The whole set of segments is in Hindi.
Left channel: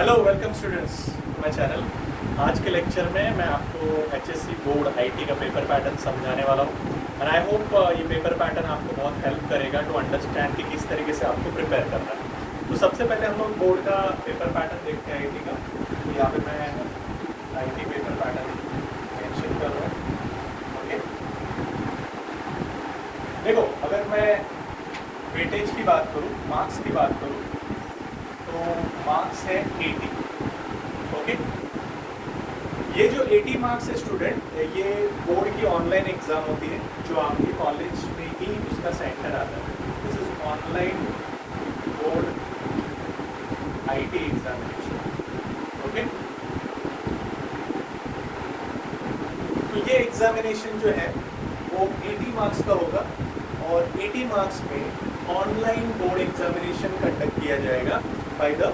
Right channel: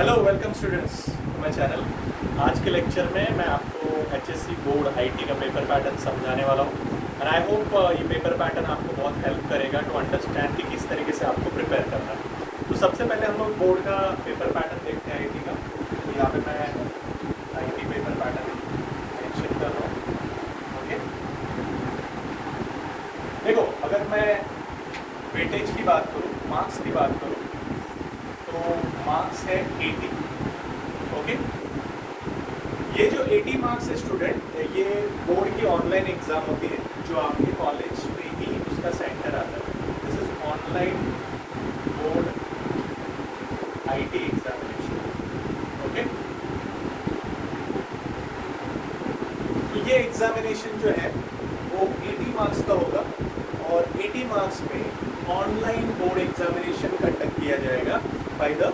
Hello welcome students to my channel. आज के लेक्चर में मैं आपको एचएससी बोर्ड आईटी का पेपर पैटर्न समझाने वाला हूँ एंड आई होप ये पेपर पैटर्न आपको बहुत हेल्प करेगा टू अंडरस्टैंड कि किस तरीके से आपको प्रिपेयर करना है। तो सबसे पहले हम लोग बोर्ड का पेपर पैटर्न देखते हैं आईटी का। तो यहाँ पे मैं आईटी पेपर पैटर्न मेंशन कर रहा हूँ। ओके, देखो अगर मैं वेटेज की बात करूँ, मार्क्स की बात करूँ, तो मार्क्स है 80। ओके, ये जो 80 मार्क्स है स्टूडेंट, ये बोर्ड की ऑनलाइन एग्जाम होती है जो आपके कॉलेज में ही उसका सेंटर आता है। This is online board IT examination. Okay, तो ये एग्जामिनेशन जो है वो 80 मार्क्स का होगा और 80 मार्क्स में ऑनलाइन बोर्ड एग्जामिनेशन कंडक्ट किया जाएगा बाय द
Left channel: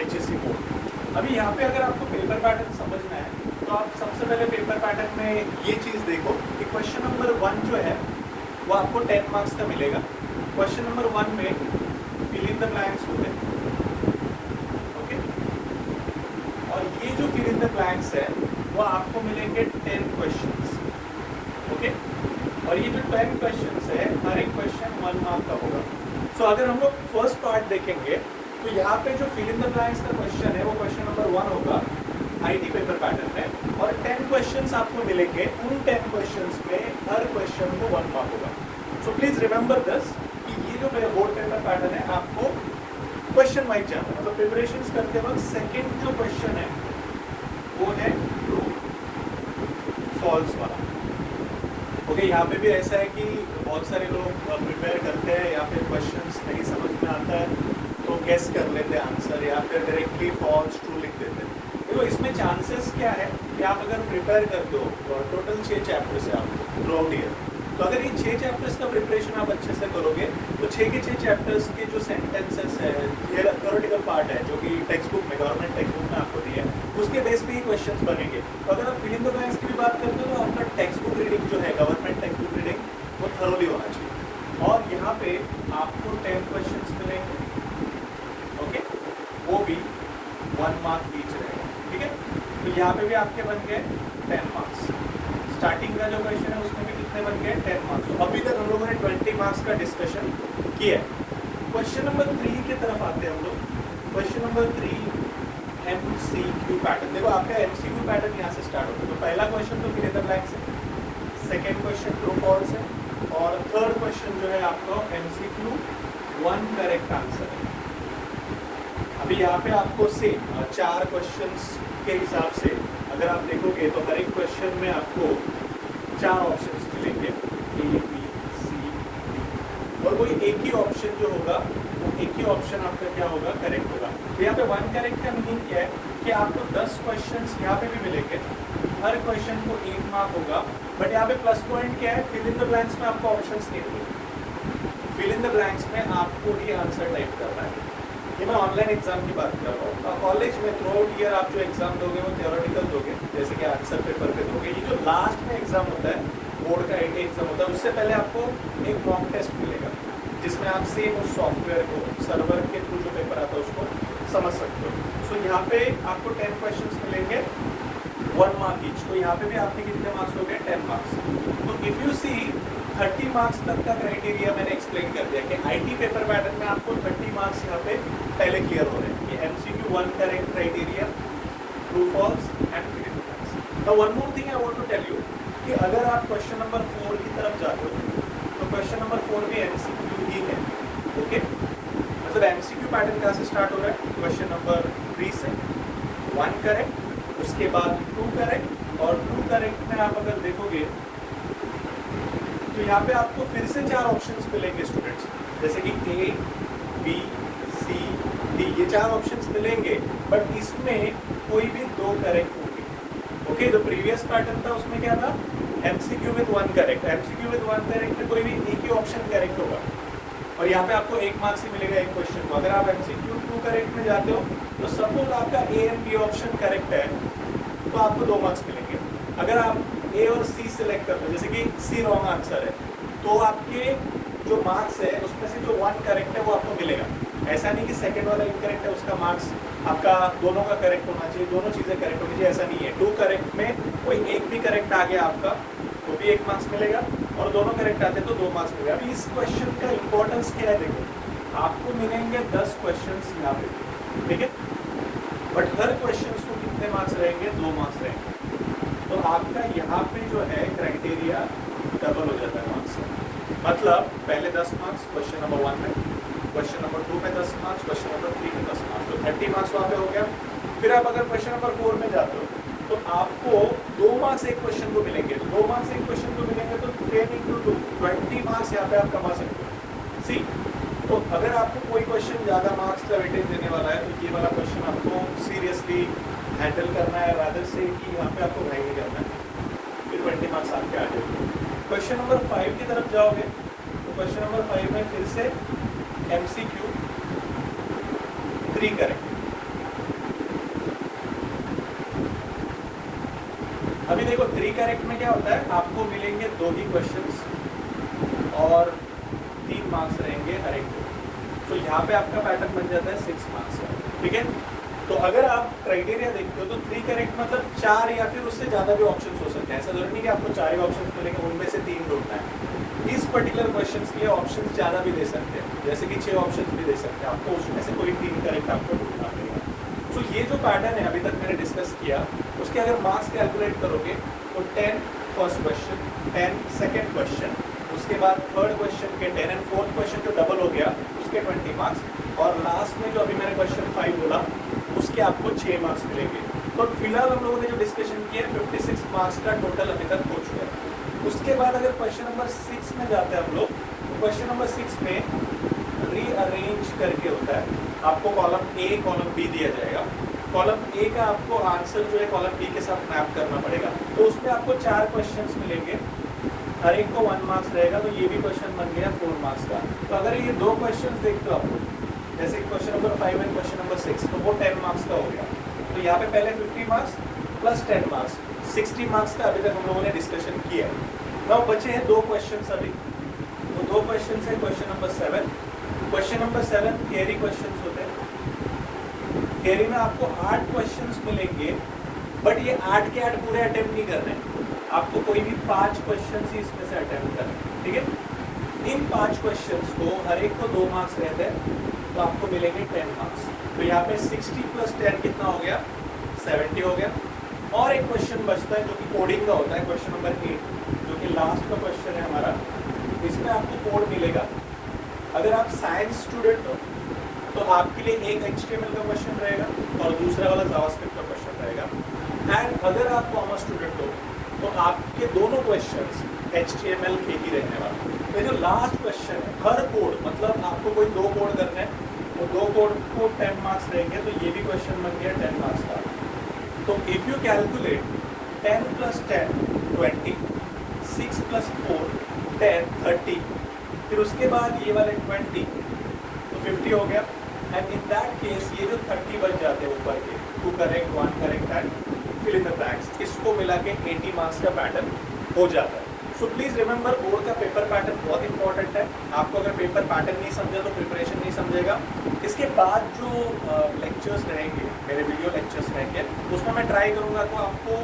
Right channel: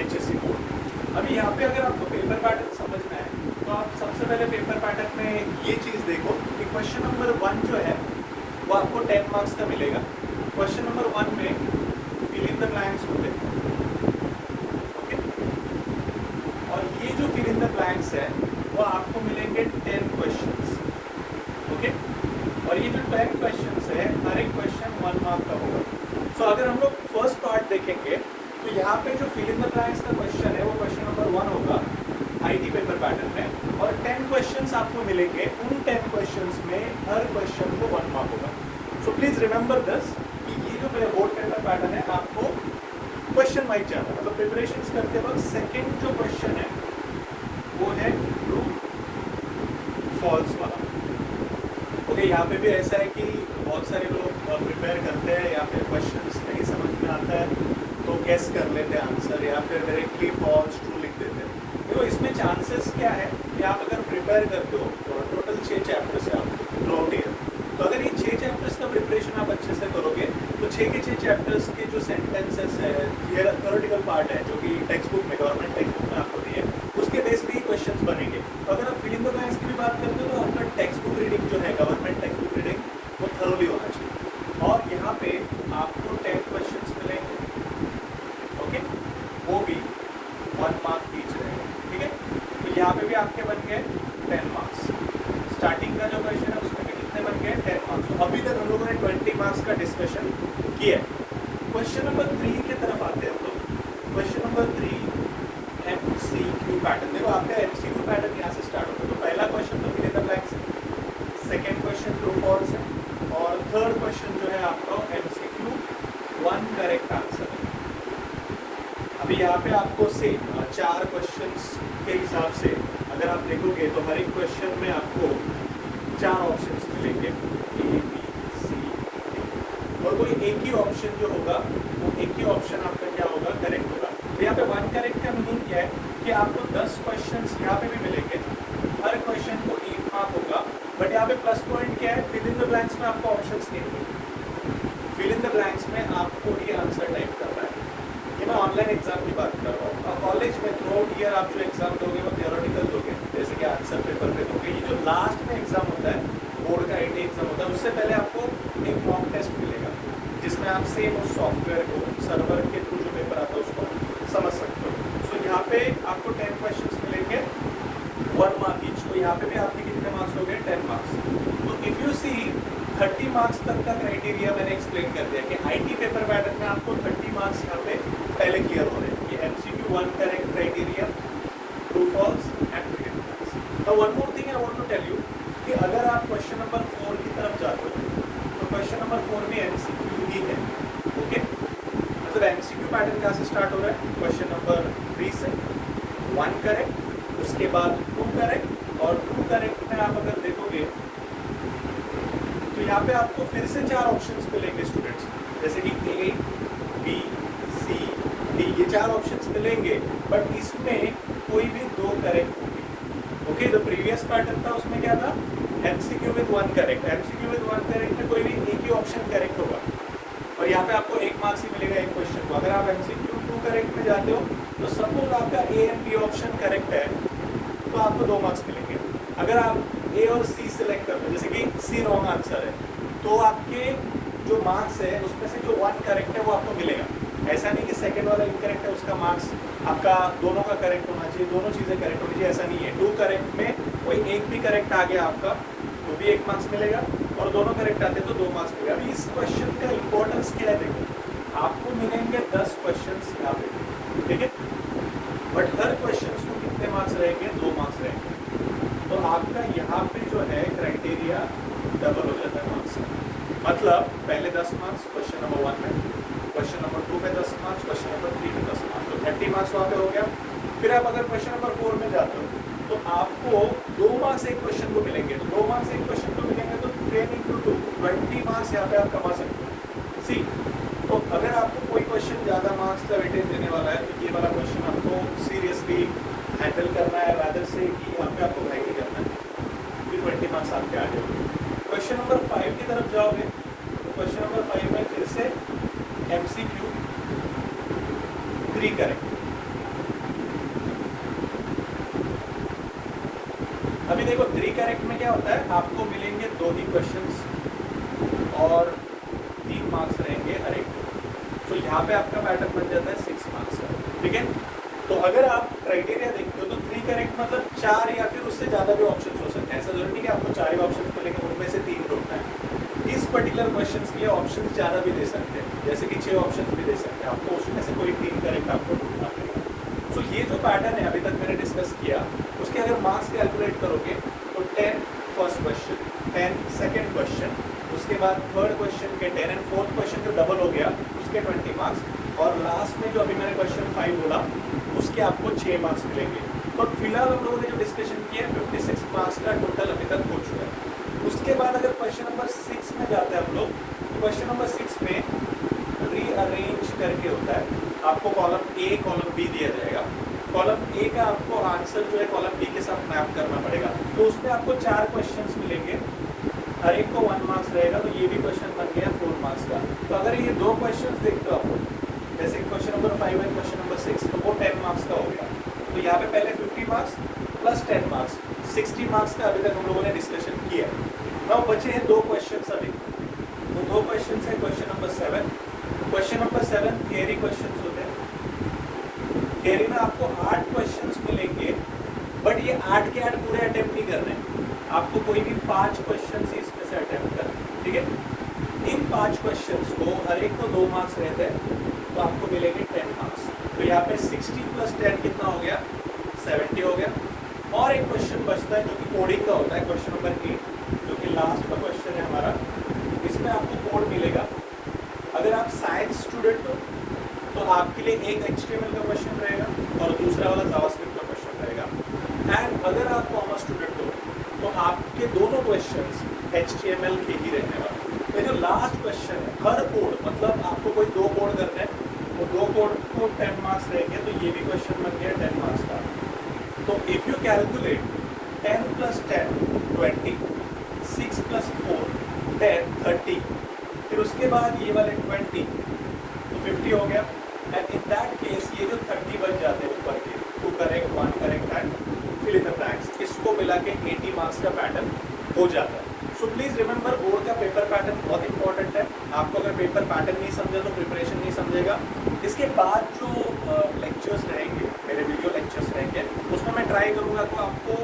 एचएससी बोर्ड। अभी यहाँ पे अगर आपको पेपर पैटर्न समझना है तो आप सबसे पहले पेपर पैटर्न में ये चीज़ देखो कि क्वेश्चन नंबर 1 जो है वो आपको 10 मार्क्स का मिलेगा। क्वेश्चन नंबर 1 में फिल इन द ब्लैंक्स होते हैं। ओके, और ये जो फिल इन द ब्लैंक्स है वो आपको मिलेंगे 10 क्वेश्चंस। ओके, और ये जो 10 क्वेश्चंस है हर एक क्वेश्चन 1 मार्क का होगा। सो अगर हम लोग फर्स्ट पार्ट देखेंगे तो यहाँ पे जो फिल इन द ब्लैंक्स का क्वेश्चन है वो क्वेश्चन नंबर 1 होगा आईटी पेपर पैटर्न में, और 10 क्वेश्चंस आपको मिलेंगे। उन 10 क्वेश्चंस में हर क्वेश्चन को 1 मार्क होगा। सो प्लीज रिमेंबर दिस कि ये जो बोर्ड पेपर पैटर्न है आपको क्वेश्चन वाइज जाना, मतलब प्रिपरेशन करते वक्त सेकेंड जो क्वेश्चन है वो है ट्रू फॉल्स वाला। ओके, यहाँ पे भी ऐसा है कि बहुत सारे लोग प्रिपेयर करते हैं या फिर क्वेश्चंस नहीं समझ में आता है तो गेस कर लेते हैं आंसर या फिर डायरेक्टली फॉल्स ट्रू लिख देते हैं। देखो इसमें चांसेस क्या है कि आप अगर प्रिपेयर करते हो तो टोटल 6 चैप्टर्स है आपको थ्रूआउट ईयर। तो अगर ये 6 चैप्टर्स का प्रिपरेशन आप अच्छे से करोगे तो 6 के 6 चैप्टर्स के जो सेंटेंसेस है, थ्योरेटिकल पार्ट है जो कि टेक्स्ट बुक में, गवर्नमेंट टेक्स्ट बुक में आपको दी है, उसके बेस पे ही क्वेश्चंस बनेंगे। तो अगर आप फिल इन द ब्लैंक्स की भी बात करते हो तो आपका टेक्स्ट बुक रीडिंग जो है, गवर्नमेंट टेक्स्ट बुक रीडिंग, वो थरोली होना चाहिए। और यहाँ पे आपको 10 क्वेश्चंस मिलेंगे। ओके, वो भी 1 मार्क पीच रहेगा। ठीक है, तो यहाँ पे भी आपके बन गए 10 मार्क्स। स्टार्टिंग का जो क्वेश्चन है उसमें भी कितने बन गए 10 मार्क्स। तो अभी तक हम लोगों ने 20 मार्क्स का डिस्कशन किया है। क्वेश्चन नंबर 3 की तरफ आते हैं हम लोग। Question number 3 MCQ pattern. देखो आपका एमसीक्यू पैटर्न यहाँ से स्टार्ट होता है। तो पहला क्वेश्चन तो फिल इन द ब्लैंक्स है, सेकेंड क्वेश्चन ट्रू फॉल्स है, और थर्ड क्वेश्चन जो है आपका एमसीक्यू 1 करेक्ट आंसर है। अभी यहाँ पे आपको से 4 क्वेश्चंस के हिसाब से अगर आप देखोगे तो हर एक क्वेश्चन में आपको 4 ऑप्शंस मिलेंगे, ए बी सी डी, और कोई एक ही ऑप्शन जो होगा वो एक ही ऑप्शन आपका क्या होगा, करेक्ट होगा। तो यहाँ पे 1 करेक्ट का मीनिंग क्या है कि आपको 10 क्वेश्चंस यहाँ पे भी मिलेंगे, हर क्वेश्चन को 1 मार्क होगा। बट यहाँ पे प्लस पॉइंट क्या है, फिल इन द ब्लैंक्स में आपको ऑप्शंस नहीं मिलेंगे। फिल इन द ब्लैंक्स में आपको ही आंसर टाइप करना है। ये मैं ऑनलाइन एग्जाम की बात कर रहा हूँ। कॉलेज में थ्रूआउट ईयर आप जो एग्जाम दोगे वो थियोरेटिकल दोगे, जैसे कि आंसर पेपर पे दोगे। ये जो लास्ट में एग्जाम होता है, बोर्ड का आईटी एग्जाम होता है, उससे पहले आपको एक मॉक टेस्ट मिलेगा जिसमें आप सेम उस सॉफ्टवेयर को, सर्वर के थ्रू जो पेपर आता है उसको समझ सकते हो। सो यहाँ पे आपको 10 क्वेश्चन मिलेंगे, 1 मार्क ईच। तो यहाँ पे भी आपके कितने मार्क्स हो गए, 10 मार्क्स। तो इफ यू सी 30 मार्क्स तक का क्राइटेरिया मैंने एक्सप्लेन कर दिया कि आईटी पेपर पैटर्न में आपको 30 मार्क्स यहाँ पे पहले क्लियर हो रहे हैं। ये MCQ 1 correct criteria, true false and fill in the blanks. Now one more thing I want to tell you कि अगर आप क्वेश्चन नंबर 4 की तरफ जाते हो तो क्वेश्चन नंबर 4 भी एमसीक्यू ही है। ओके, मतलब एमसीक्यू पैटर्न कहाँ से स्टार्ट हो रहा है, क्वेश्चन नंबर 3 से 1 करेक्ट, उसके बाद 2 करेक्ट, और 2 करेक्ट में आप अगर देखोगे तो यहाँ पे आपको फिर से 4 ऑप्शंस मिलेंगे स्टूडेंट्स, जैसे कि ए बी सी डी, ये 4 ऑप्शंस मिलेंगे। बट इसमें कोई भी 2 करेक्ट होंगे। ओके, जो प्रीवियस पैटर्न था उसमें क्या था, MCQ with 1 correct, MCQ with 1 correct में कोई भी एक ही ऑप्शन करेक्ट होगा, और यहाँ पे आपको 1 मार्क्स ही मिलेगा एक क्वेश्चन को। अगर आप एमसीक्यू 2 करेक्ट में जाते हो तो सपोज आपका A and B option correct है तो आपको 2 मार्क्स मिलेंगे। अगर आप ए और सी सिलेक्ट करते हैं, जैसे कि सी रॉन्ग आंसर है, तो आपके जो मार्क्स है उसमें से जो 1 करेक्ट है वो आपको मिलेगा। ऐसा नहीं कि सेकंड वाला इनकरेक्ट है उसका मार्क्स आपका दोनों का करेक्ट होना चाहिए, दोनों चीजें करेक्ट होनी चाहिए, ऐसा नहीं है। 2 करेक्ट में कोई एक भी करेक्ट आ गया आपका तो भी 1 मार्क्स मिलेगा, और दोनों करेक्ट आते तो 2 मार्क्स मिलेगा। अभी इस क्वेश्चन का इंपॉर्टेंस क्या है, देखो आपको मिलेंगे 10 क्वेश्चन यहाँ पे, ठीक है, बट हर क्वेश्चन को कितने मार्क्स रहेंगे, 2 मार्क्स रहेंगे। तो आपका यहाँ पे जो है क्राइटेरिया डबल हो जाता है मार्क्स का। मतलब पहले 10 मार्क्स क्वेश्चन नंबर 1 में, क्वेश्चन नंबर 2 में 10 मार्क्स, क्वेश्चन नंबर 3 में 10 मार्क्स, तो 30 मार्क्स वहाँ पे हो गया। फिर आप अगर क्वेश्चन नंबर 4 में जाते हो तो आपको 2 मार्क्स एक क्वेश्चन को मिलेंगे, 2 मार्क्स एक क्वेश्चन को मिलेंगे, तो 10 into 2 20 मार्क्स यहाँ पे आप कमा सकते हो। सी, तो अगर आपको कोई क्वेश्चन ज़्यादा मार्क्स का वेटेज देने वाला है तो ये वाला क्वेश्चन आपको सीरियसली हैंडल करना है, रादर से कि यहाँ पे आपको नहीं करना है, फिर 20 मार्क्स आपके आ जाएंगे। क्वेश्चन नंबर 5 की तरफ जाओगे तो क्वेश्चन नंबर 5 में फिर से MCQ 3 करेक्ट। अभी देखो 3 करेक्ट में क्या होता है, आपको मिलेंगे 2 ही क्वेश्चंस और 3 मार्क्स रहेंगे हर एक। तो यहाँ पे आपका पैटर्न बन जाता है 6 मार्क्स का, ठीक है। तो अगर आप क्राइटेरिया देखते हो तो 3 करेक्ट मतलब 4 या फिर उससे ज़्यादा भी ऑप्शंस हो सकते हैं। ऐसा जरूरी नहीं कि आपको 4 ही ऑप्शंस मिलेंगे, उनमें से 3 ढूंढना है। इस पर्टिकुलर क्वेश्चन के लिए ऑप्शन ज़्यादा भी दे सकते हैं, जैसे कि 6 ऑप्शन भी दे सकते हैं, आपको उसमें से कोई 3 करेक्ट आपको ढूंढना पड़ेगा। तो ये जो पैटर्न है अभी तक मैंने डिस्कस किया, उसके अगर मार्क्स कैलकुलेट करोगे तो 10 फर्स्ट क्वेश्चन, 10 सेकेंड क्वेश्चन, उसके बाद थर्ड क्वेश्चन के 10 एंड फोर्थ क्वेश्चन जो डबल हो गया उसके 20 मार्क्स, और लास्ट में जो अभी मैंने क्वेश्चन 5 बोला उसके आपको 6 मार्क्स मिलेंगे। तो फिलहाल हम लोगों ने जो डिस्कशन किया 56 मार्क्स का टोटल अभी तक हो चुका है। उसके बाद अगर क्वेश्चन नंबर 6 में जाते हैं हम लोग, क्वेश्चन नंबर 6 में रीअरेंज करके होता है, आपको कॉलम A कॉलम B दिया जाएगा, कॉलम A का आपको आंसर जो है कॉलम B के साथ मैप करना पड़ेगा। तो उसमें आपको 4 क्वेश्चन मिलेंगे, हर एक को 1 मार्क्स रहेगा, तो ये भी क्वेश्चन बन गया 4 मार्क्स का। तो अगर ये 2 क्वेश्चन देखते हो आप लोग, जैसे क्वेश्चन नंबर 5 है क्वेश्चन नंबर 6, तो वो 10 मार्क्स का हो गया। तो यहाँ पे पहले 50 मार्क्स प्लस 10 मार्क्स 60 मार्क्स का अभी तक हम लोगों ने डिस्कशन किया है। अब बचे हैं 2 क्वेश्चन अभी, वो 2 क्वेश्चन है question number 7। Question number 7 theory question होते हैं। थियरी में आपको 8 क्वेश्चन मिलेंगे, बट ये 8 के 8 पूरे अटेम्प्ट नहीं करने हैं, आपको कोई भी 5 क्वेश्चन ही इसमें से अटेम्प्ट करना है, ठीक है। इन 5 क्वेश्चन को हर एक को 2 मार्क्स रहते हैं, तो आपको मिलेंगे 10 मार्क्स। तो यहाँ पे 60 प्लस 10 कितना हो गया, 70 हो गया। और एक क्वेश्चन बचता है जो कि कोडिंग का होता है, क्वेश्चन नंबर 8, जो कि लास्ट का क्वेश्चन है हमारा। इसमें आपको कोड मिलेगा। अगर आप साइंस स्टूडेंट हो तो आपके लिए एक HTML का क्वेश्चन रहेगा और दूसरा वाला जावास्क्रिप्ट का क्वेश्चन रहेगा। एंड अगर आप कॉमर्स स्टूडेंट हो तो आपके दोनों क्वेश्चंस HTML के ही रहने वाले। ये जो लास्ट क्वेश्चन है, हर कोड मतलब आपको कोई 2 कोड करना है, तो 2 कोड को 10 मार्क्स रहेंगे, तो ये भी क्वेश्चन बन गया 10 मार्क्स का। तो if you calculate 10 plus 10 20, 6 plus 4 10 30, फिर उसके बाद ये वाले 20 तो 50 हो गया। एंड इन दैट केस ये जो 30 बच जाते हैं ऊपर के, 2 correct 1 correct and fill in the blanks, इसको मिला के 80 मार्क्स का पैटर्न हो जाता है। सो प्लीज रिमेंबर, बोर्ड का पेपर पैटर्न बहुत इंपॉर्टेंट है। आपको अगर पेपर पैटर्न नहीं समझा तो प्रिपरेशन नहीं समझेगा। इसके बाद जो लेक्चर्स रहेंगे, मेरे वीडियो लेक्चर्स रहेंगे, उसमें मैं ट्राई करूंगा तो आपको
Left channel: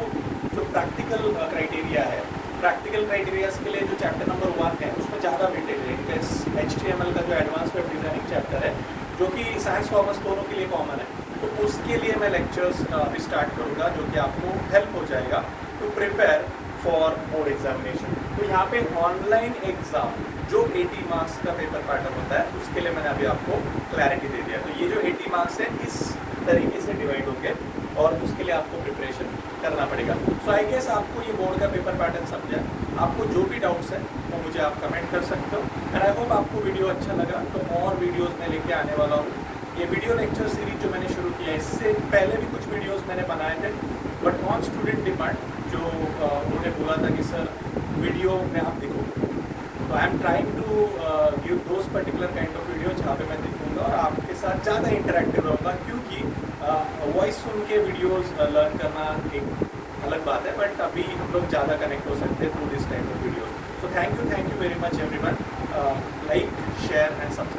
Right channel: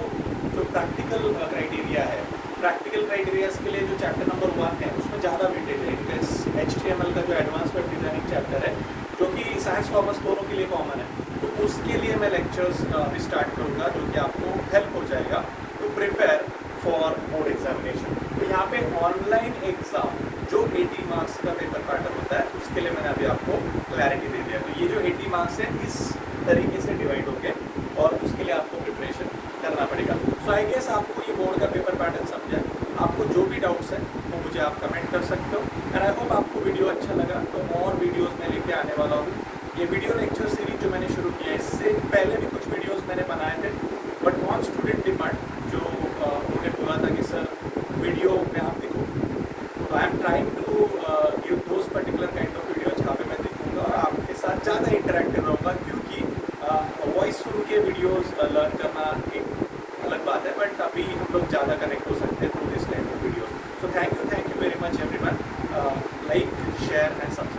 जो प्रैक्टिकल क्राइटेरिया है, प्रैक्टिकल क्राइटेरियाज के लिए जो चैप्टर नंबर 1 है उसमें ज़्यादा वेटेज है। HTML का जो एडवांस वेब डिजाइनिंग चैप्टर है, जो कि साइंस कॉमर्स दोनों के लिए कॉमन है, तो उसके लिए मैं लेक्चर्स अभी स्टार्ट करूंगा, जो कि आपको हेल्प हो जाएगा to prepare for board examination. तो यहाँ पे ऑनलाइन एग्जाम जो 80 मार्क्स का पेपर पैटर्न होता है, उसके लिए मैंने अभी आपको क्लैरिटी दे दिया। तो ये जो 80 मार्क्स है इस तरीके से डिवाइड हो गए और उसके लिए आपको प्रिपरेशन करना पड़ेगा। सो आई गेस आपको ये बोर्ड का पेपर पैटर्न समझा। आपको जो भी डाउट्स हैं वो मुझे आप कमेंट कर सकते हो। एंड आई होप आपको वीडियो अच्छा लगा, तो और वीडियोस मैं लेके आने वाला हूँ। ये वीडियो लेक्चर सीरीज जो मैंने शुरू किया है, इससे पहले भी कुछ वीडियोस मैंने बनाए थे, बट ऑन स्टूडेंट डिमांड, जो उन्होंने बोला था कि सर वीडियो में आप देखो, तो I am trying to give those particular kind of video जहाँ पे मैं दिखूँगा और आपके साथ ज़्यादा इंटरेक्टिव रहूँगा, क्योंकि वॉइस सुन के वीडियोज़ लर्न करना एक अलग बात है, बट अभी हम लोग ज़्यादा कनेक्ट हो सकते हैं through this type of video. So thank you very much everyone. Like, share and subscribe.